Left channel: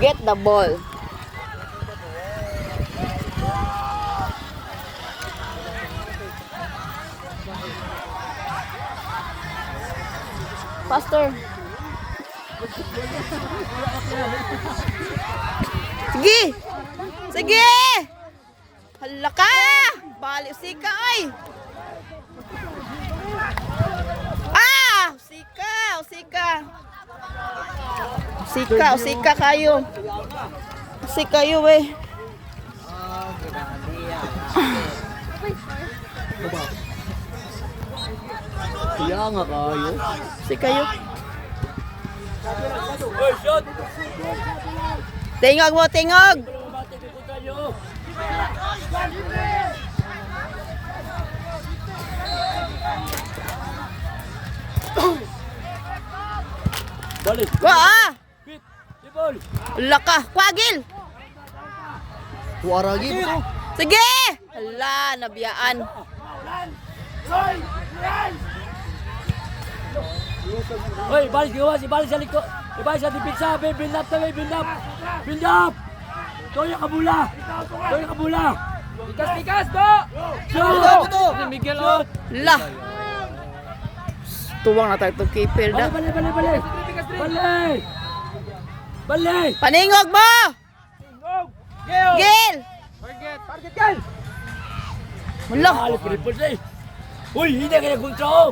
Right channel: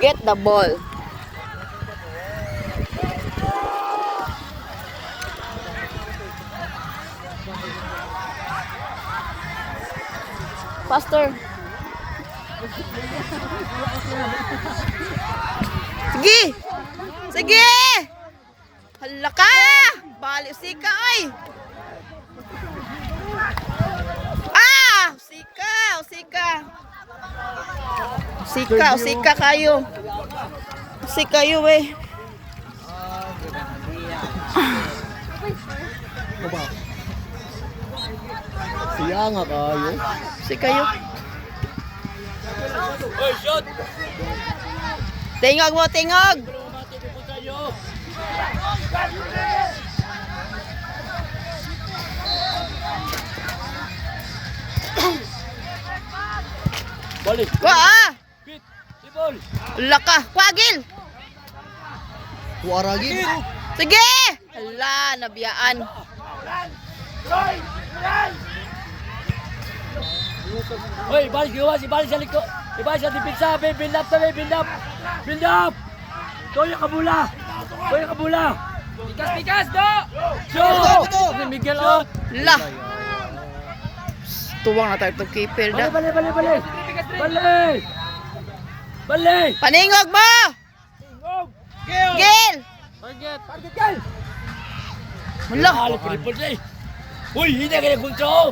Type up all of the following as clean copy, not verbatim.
Get the ball. Faster. Sige. Sige. Hala ka. Bali sika ay. Sika. Sika kayo. Sika kayo eh. Siya nga kayo. Sika kayo. Tingog mo, tingog. Balik. Wah! Pit. Sipol. Laka, kwagil. Kuaragin ko. Sige. Hala, nabiyaan. Hoy, balik gawa si balik sa liko. Ibalik sa dipiksa, build up tabi, build up. Build up. Toyo kabula. Toyo kabula. Bigas do. Buto. Miguel out. La. Tuwang na tayo itong keeper da. Balik. Paningog mo! Gil! Target Gil. Mula. Halo kripol day. Hoy, hindi kaya punta.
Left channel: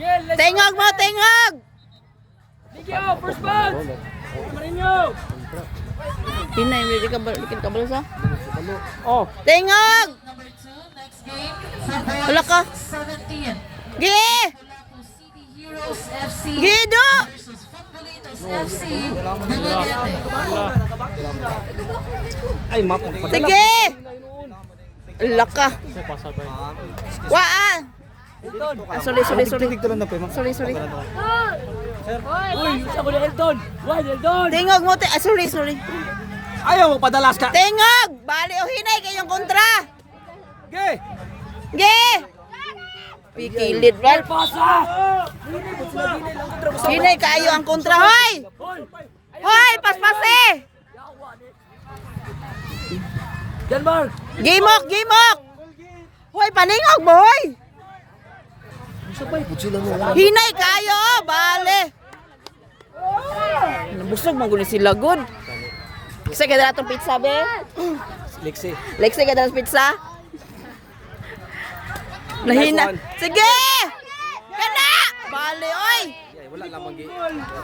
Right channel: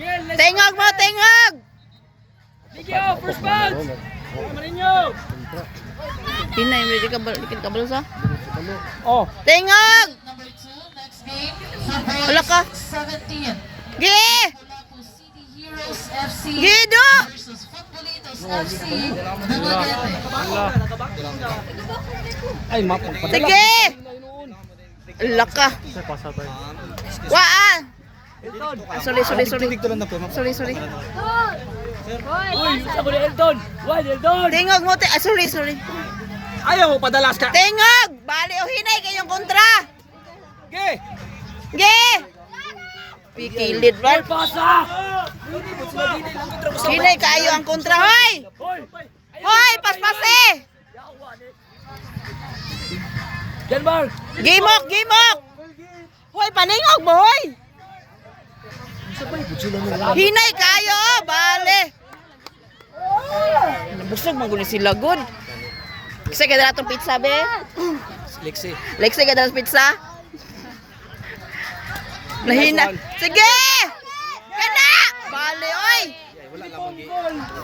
Gil, Tingog mo, tingog! Miguel, first bounce. Marinho. Hinay, hindi ka balo sa? Oh. Tingog! Number 2, next game. Sa boys, Wala ka. 17. Gi! Lapu City Heroes FC Gido! versus Futbolitos FC. Dumaguete. Ay, matang. Sige! Laka. Waan! Sorry. Sorry. Uy, sa mo ni Eldon. Why, Eldon? Tingog mo, sorry. Ayaw mo padalas ka. Tingog! Bali o hinay kayong kontra! Okay. Gi! Pikilit, right? Pasa. Hinay kayo ang kontra, hoy! Hoy. Hoy, paspasi! Denmark. Gimok! Hoy, paningog mo, hoy! Hinay kayo, bale! Busog magulo sila, good. Kasi kaya dala itong pizza, be? Lexi. Lexi, kaya dala pizza? Nahina. Sige! Kana! Bale, oy!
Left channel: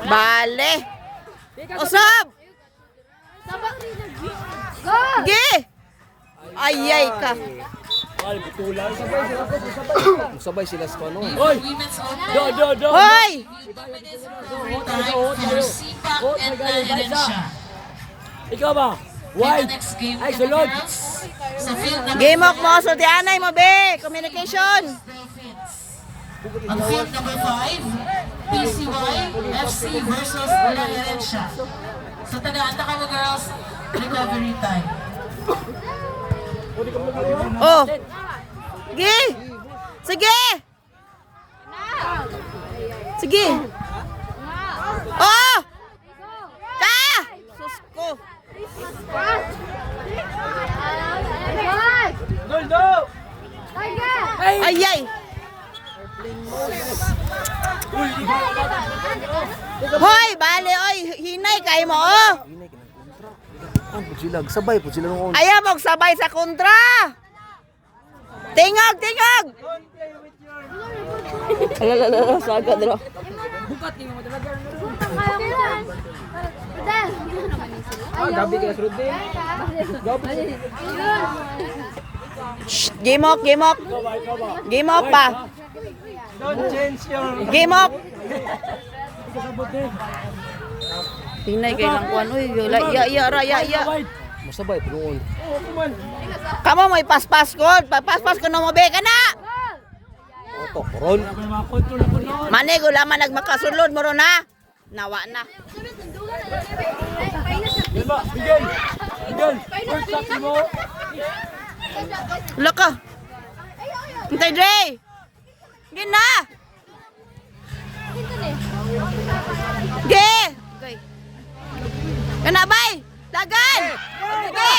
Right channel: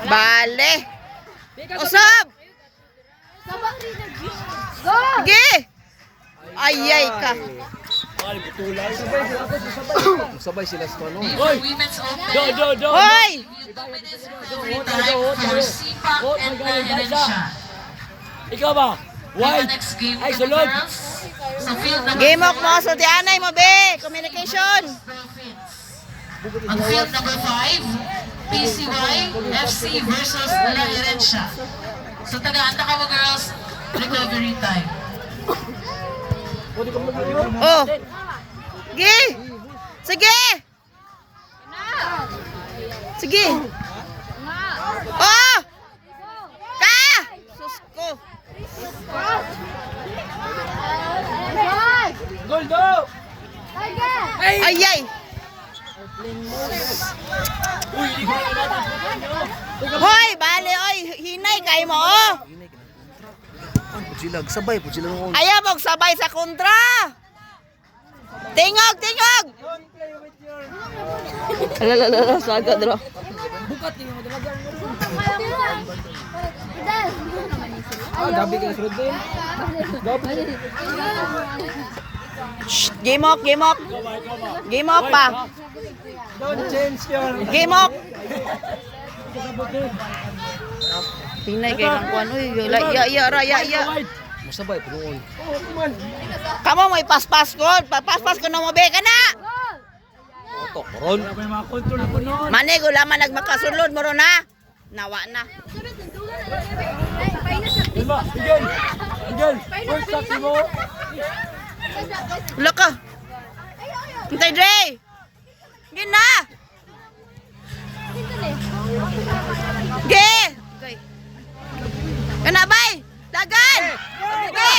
Bale! Usap! Sige! Ayay ka! Sabay sila sa ano. For Women's Open, Do. Hoy! 2 minutes recovery time for Sipak and Herencia. Ikaw ba? And the Why? next game Ay, for the sulod. girls. Sa field number Gimok 4, mo, sultianay mo, be! Communication! Profits. On field number 5, PCY FC versus La Herencia. So taga-anta ka mo girls, recovery time. Oh! Sige! Sige! Sige! Oh! Ka! Sus ko! Ayay! Hoy! Bale, oy! Hinay kayo mo, oh! Sabay po sila ng Ayaw mong sabay sa kontra! Tingag! Alalala, sagad ro. gabi kaya sunod din. Gimok pa. Don't change your. Gimok. Hinay kay lang kuan uy, ya. Masabay po noon. Kamo mo ipaspas ko, papaspas ko na mo be kana. Auto, koron. Mane gulaman nagmakasulod mo ron ha. Nawa na. Diba? Bigyan. First shot mo. Laka. Hintay Dre. Gina. Ge. Okay. Kana bay! Dagan! Sige!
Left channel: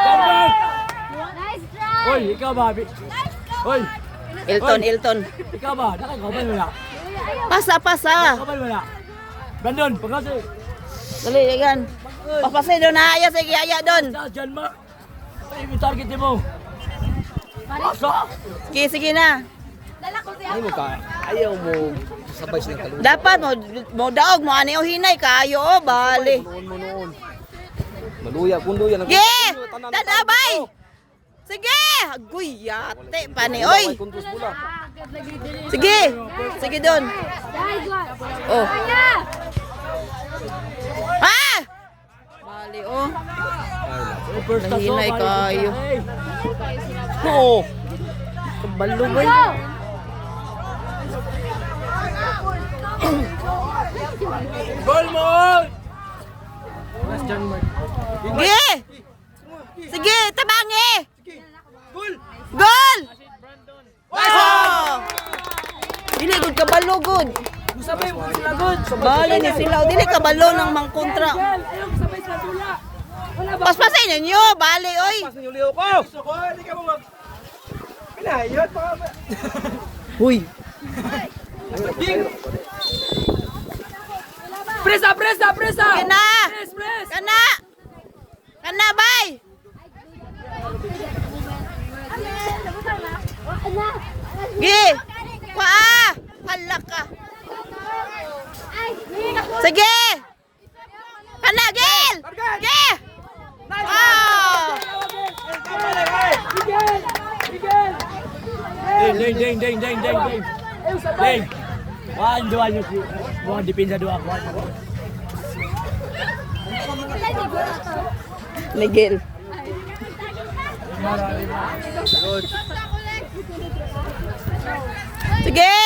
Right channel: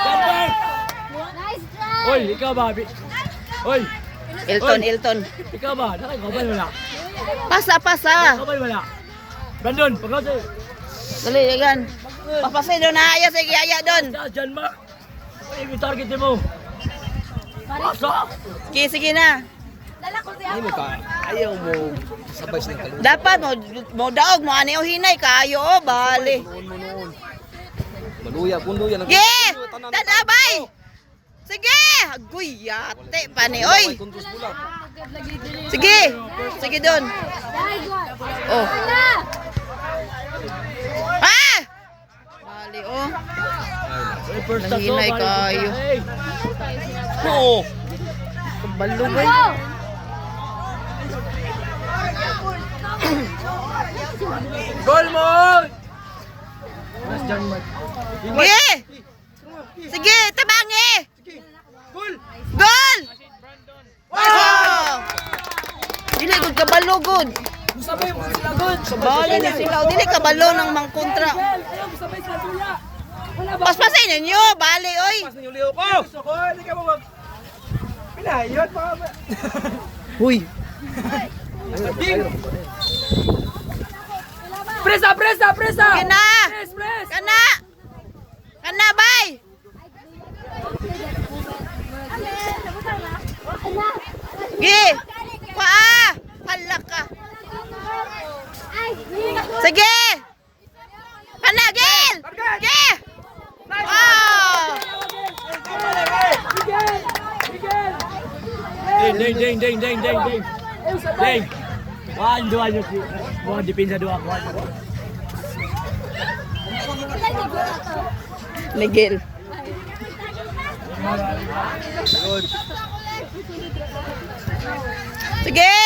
Denmark! Uy, ikaw ba? Uy, Ilton. ikaw ba? Nakakabay mo na. Pasa. Nakakabay mo na. Brandon, pagkasi. Dali, dagan. Papasay doon na aya. Sige, aya doon. Denmark. Ay, may target mo. Pasok! Sige na. Hindi ka, ayaw mo sabay sa kalungkot. Dapat mo daog mo ani o hinay kayo o bali. Noon. Maluya, kung luya. Ge! Dadabay! Sige! Agoy yate pa ni oy. Kuntus pula. Sige. Sige doon. Oh. Ah! Bali oh. Nahinay kayo. Oo. Kabalo boy. Goal mo! Sige! Sige, tabangi! Goal! Gol! Oh! Dili gud kabalo gud. Bali ni sila, dili kabalo ng mangkontra. Paspasin ninyo, bali oy. Sinulio ko! Hindi ka mo mag... Pinahiyot pa ka ba? Huy. Presa! Kana! Kana! Kana bay! Gi! Paa! Hala ka! Sige! Kana, Gil! Gi! Ah! Ding. Ding. Dua nyo. Mga dipinsa dua. Miguel. Sige!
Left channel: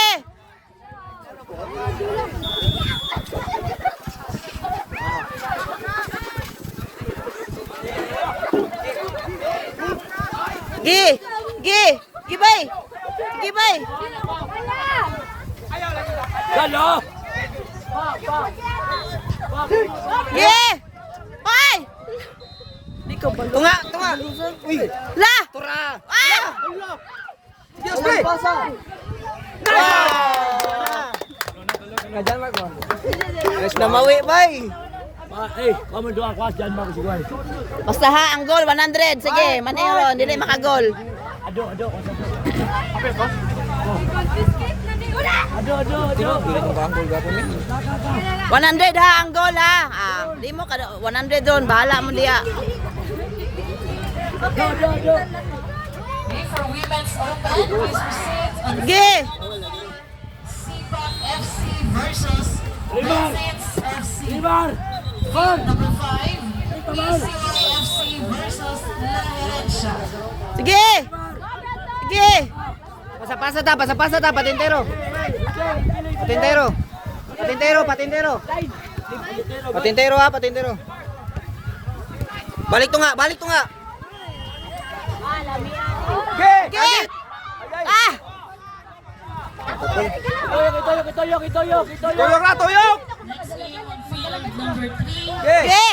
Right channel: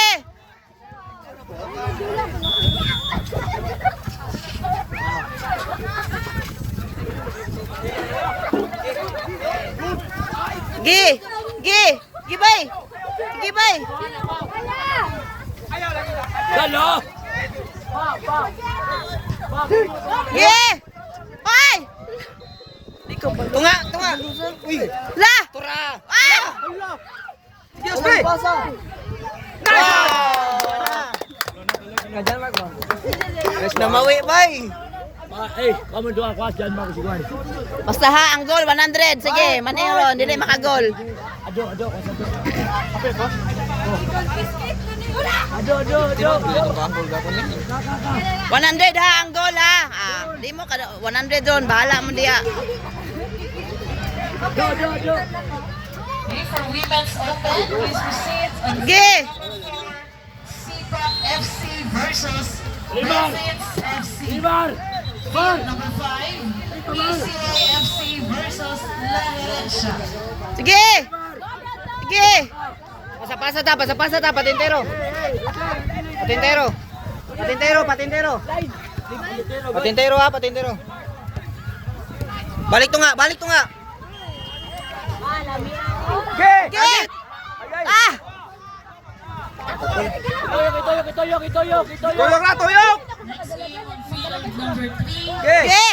Gi bay! Gi bay! Hello! Gi! Ay! Tunga! Uy! La! Tura! Ah! Diyos ba? Guys, namawi, bay! Kamu dua kuas Denmark siguro. Basta ha, ang goal 100. Sige, maningron, dili makagol. Ado. Apa ko? Ado. 100 ha, ang goal ha. Ah, di mo ka 100 doon, bahala mo diya. Ado. Okay, for Women's Open, please proceed on Sige! CPAC FC versus Dolphins FC. Limar. Field number 5, PCY FC versus La Herencia. Sige! Sige! Pasa ta, patintero. Patintero ha, patintero. Balik to nga. Sige! Ah! Tuyok. Tuyok na, tuyok! Next game on field number 3, Okay! Sige!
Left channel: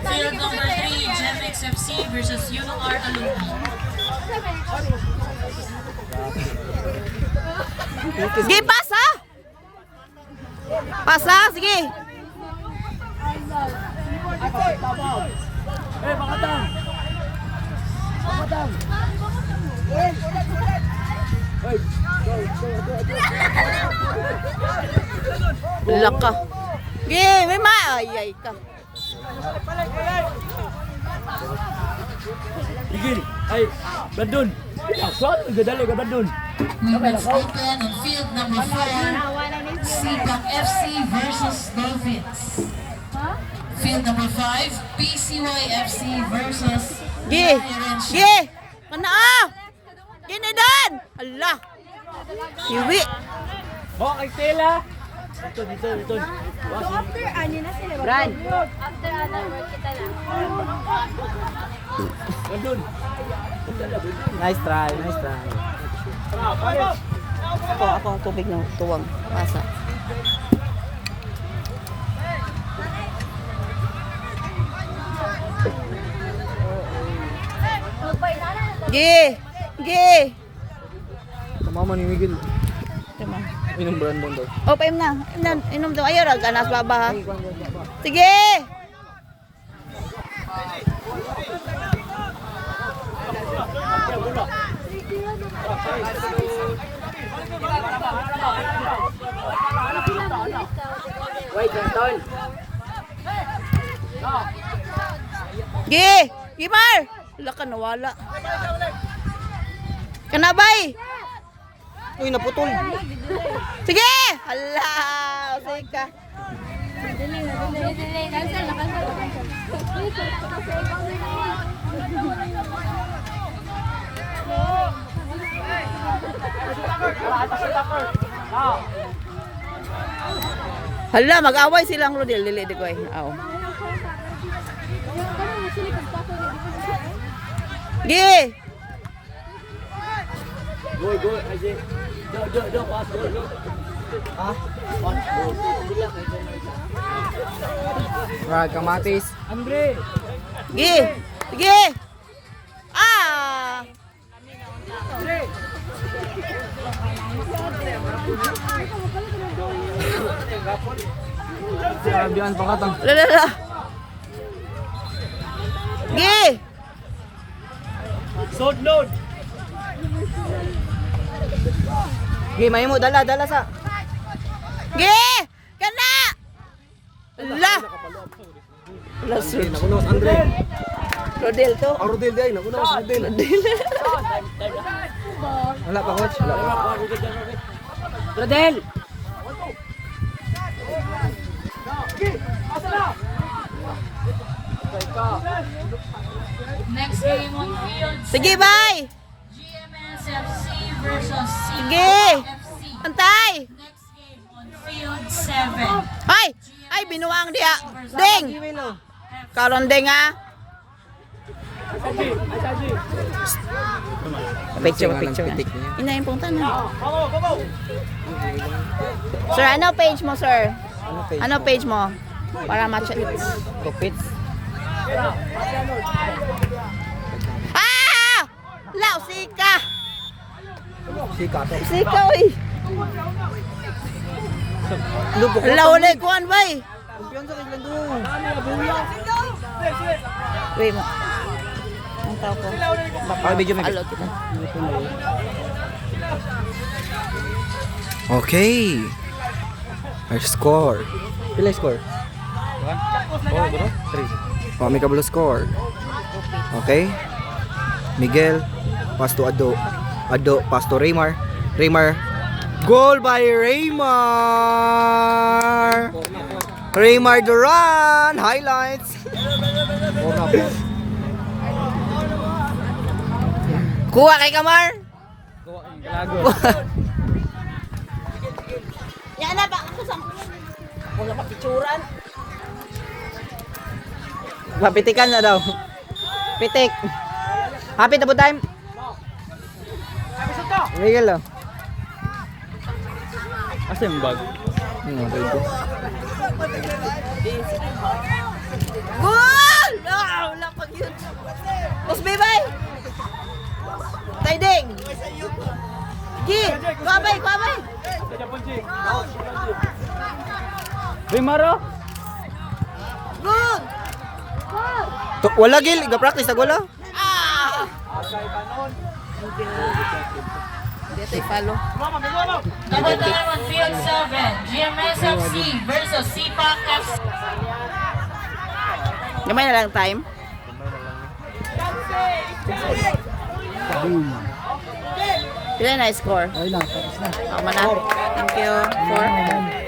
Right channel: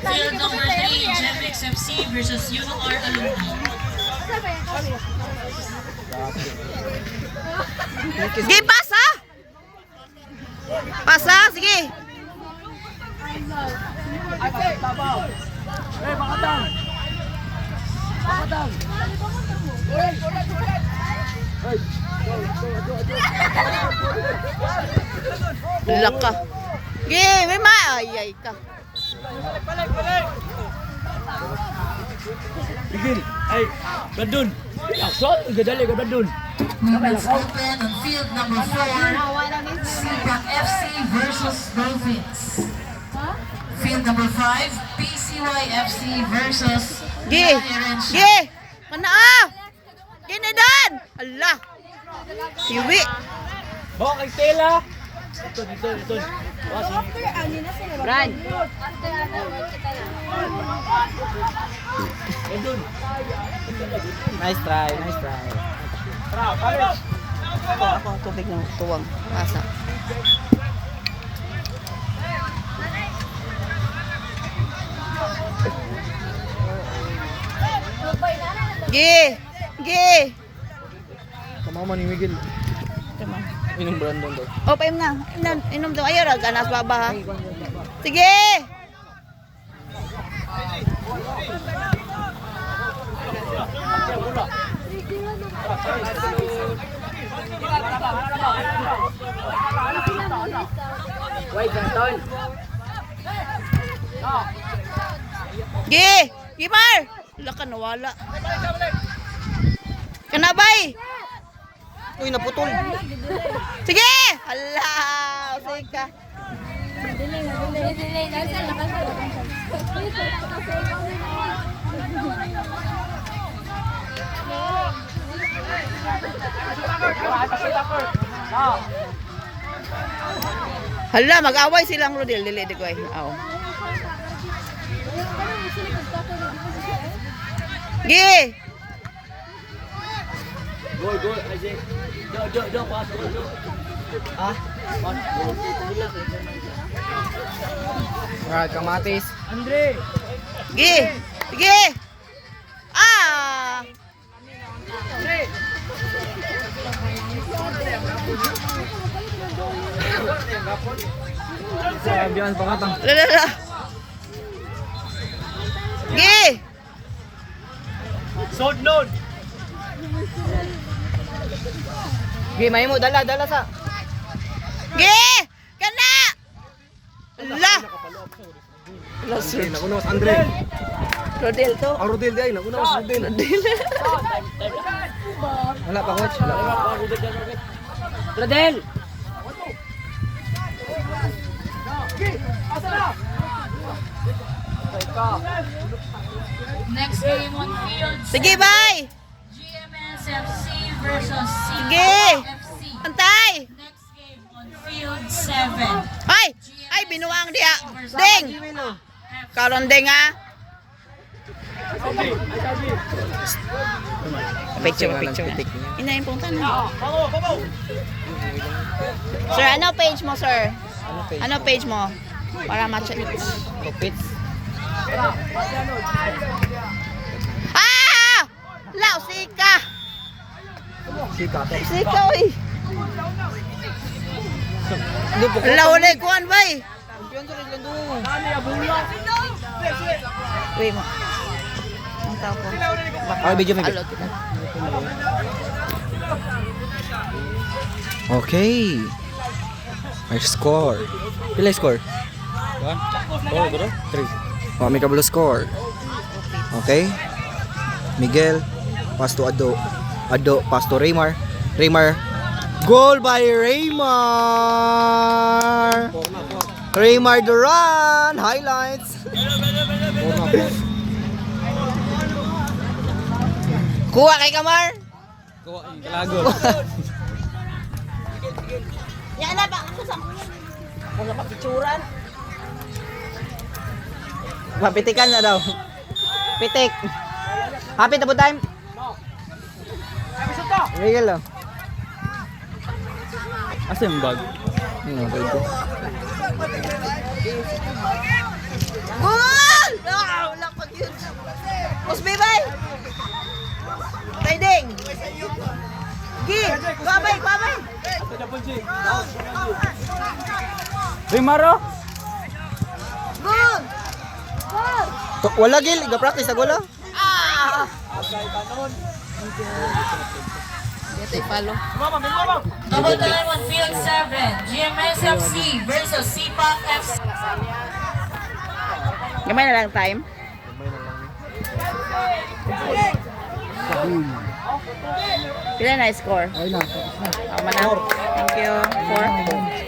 Field number 3, Gemex FC versus UR Alumni. Sige, pasa! Pasa, sige! Makatang. Lak ka. Sige, may maayay ka. Igil. Ay, Brandon. Shot, gadali ka Brandon. Women's Open on field number 4, CPAC FC versus Dolphins. Field number 5, PCY FC versus Sige! La Herencia. Sige! Mana! Ginadan! Hala! Siwi! Okay, Stella. Ito. Brian! Nice try. Tara, palit. Ako ang tubig ng tuwang. Pasa. Gi! Gi! Kamama ni Miguel. Tama. Inom Brandon daw. O, paim na. Inom daw. Ayaw, ganas baba. Sige! Gi! Gimar! Wala ka nawala. Kanabay! Uy, naputol. Sige! Hala! Sige ka. Hala, mag-away silang Rodel. Dili, di ko eh. Aw. Gi! Go, AJ. Do, pass, go. Ah? Right, kamatis. Andre! Gi! Sige! Ah! Biyan pangatang. Lala! Gi! Sod nod. Gimay mo, dala sa. Gi! Kana! Hala! Hala, sir. Nakunos, Andre. Rodel to. Rodel day, nakunos, Rodel. Wala pa, coach. Rodel! Next game on field. Sige, bye! GMS FC versus Sige! FC. Antay! Next game on field 7. Ay! Ay, binuang dia. Ding! Karon ding ha. Picture. Inayin pong tanong. Sir, ano page mo, sir? Ano page mo? Para match Rupits. Ah! Lao, sika! Sika to. Sika, uy! Lao, ulit, kuhan, bay! Uy, mo. Ang tao ko. Baka, video may alot ka. Okay. Our score. Pila score? 3. May kabalo score. Okay. Miguel pass to Ado. Ado pass to Raymar. Raymar. Goal by Raymar. Raymar Duran. Highlights. Kuha kay Kamar. Yan na ba? Mga pakitsuran. Napitikan na daw. Pitik. Happy na po time. Miguel oh. Asa yung bag? Ano, dito. Goal! No, wala pag yun. Musbi bay. Tayding. Gi, babay. Raymar oh. Good. Wala gil, ga-practice na wala. Ah! Get follow. Double time on field 7. GMS FC versus CPAC FC. Gamay na lang time. Pila na score? Ay na, tapos na. Tama na. Thank you. 4.